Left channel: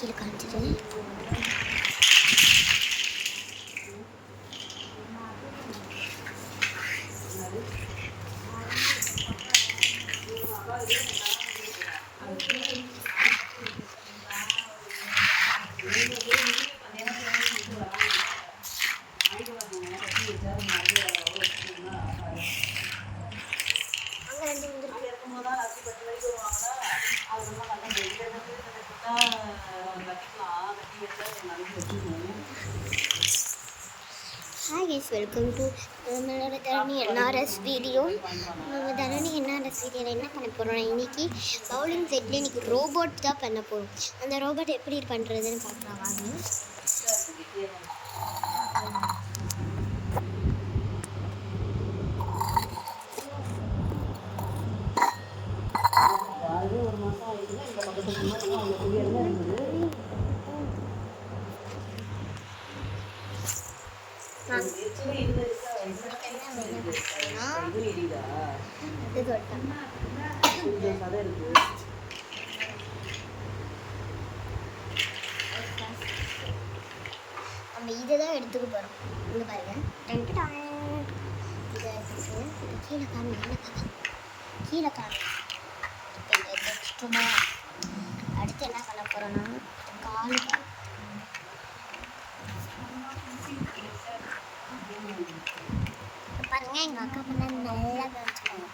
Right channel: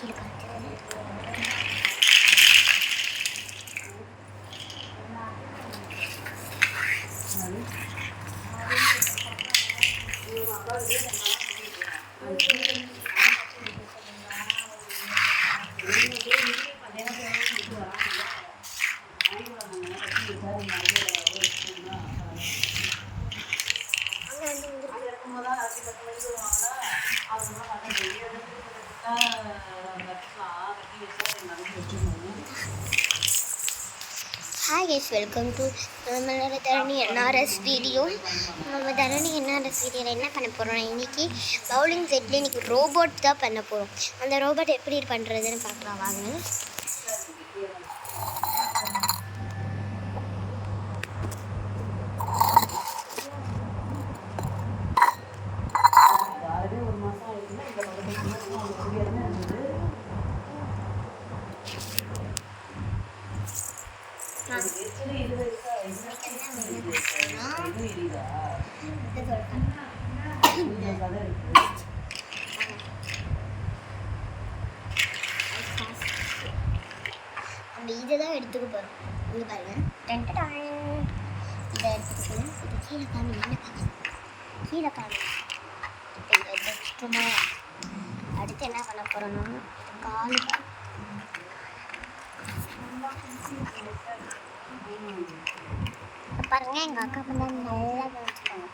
கீழே காமிச்சிட்டு Hi guys, welcome to நம்மளோட தரணி என்ஆர்எஸ் வீடியோ. நம்ம தரணி என்ஆர்எஸ் வீடியோவில் என்ன பண்ண போகிறோம், இன்றைக்கி பவுலிங் செட்டில் இன்றைக்கி ரோபோட் தான் பண்ண போகிறோம். அந்த ரோபோட் எப்படி பண்ணுறதுன்னு பார்க்கலாம் வாங்க. நம்ம இதுதான் எடுத்துக்க போகிறோம். இங்கே பாருங்க, இதை எடுத்துட்டு கீழே காமி கீழே காமி அடுத்து என்ன பண்ண போகிறோம்னா கால் பாருங்க. எங்கள் அக்கா பண்ண நல்லா கவனிச்சுக்கோங்க.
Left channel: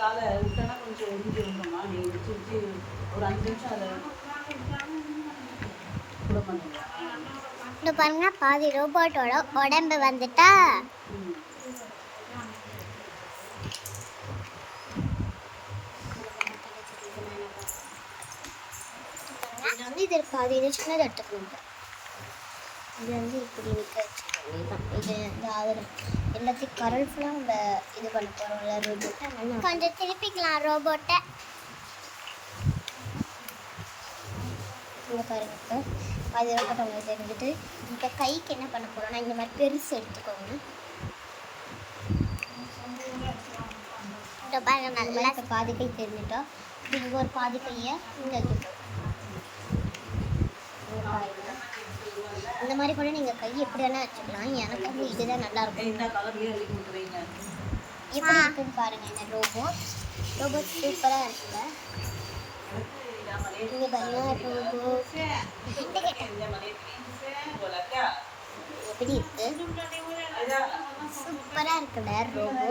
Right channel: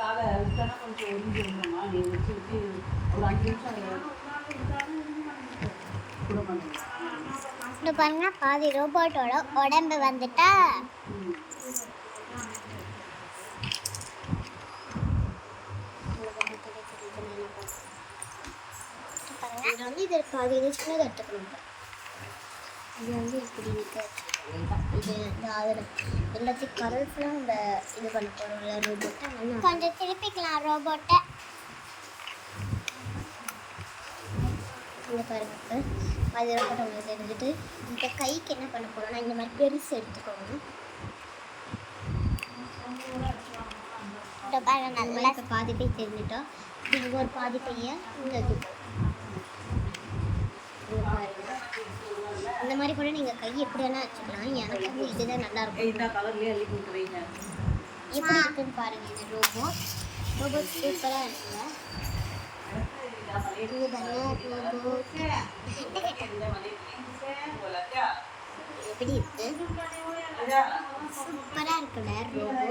காலை விட்டனா கொஞ்சம் ஒதுங்கி விடணும்னா நீங்கள் வச்சு வச்சு ஒரு 5 நிமிஷம் அதை கூட பண்ணுங்க. இந்த பாருங்க, பாதி ரோபோட்டோட உடம்பு வந்துட்டா இது வந்து இது பாதி இது சின்னதாக எடுத்துக்கணும். இது வந்து இப்படி நிற்க வச்சுக்கோங்க. இது எல்லாத்தையும் கலர்ஃபுல்லாக நம்ம இது பண்ண போகிறோம்ல ரோபோட்டை. கொஞ்சம் திருப்பிக்கலாம் ரோபோட்டை. பாருங்க, அது ரோபோட்டை தெரிஞ்சுட்டு இந்த கைக்கு என்ன பண்ண போகிறோம்னா இந்த மாதிரி பெருசு எடுத்துக்கோங்க. இந்த பாருங்க, நல்லா பாதி கை தெரிஞ்சுட்டா நீங்கள் ஒரு பாதி கையை இந்த அந்த மாதிரி கூட நீங்கள் கை எப்படி வேணால் வச்சுக்கலாம். எனக்கு வந்து இதுதான் நல்லாயிருக்கும். இப்படி இருக்குன்னு பாருங்கள். இந்த ரோபோட் சூப்பராக இருக்குல்ல. நீங்கள் பாருங்கள், எப்படி இருக்கு, சூப்பராக இருக்குல்ல ரோபோட்.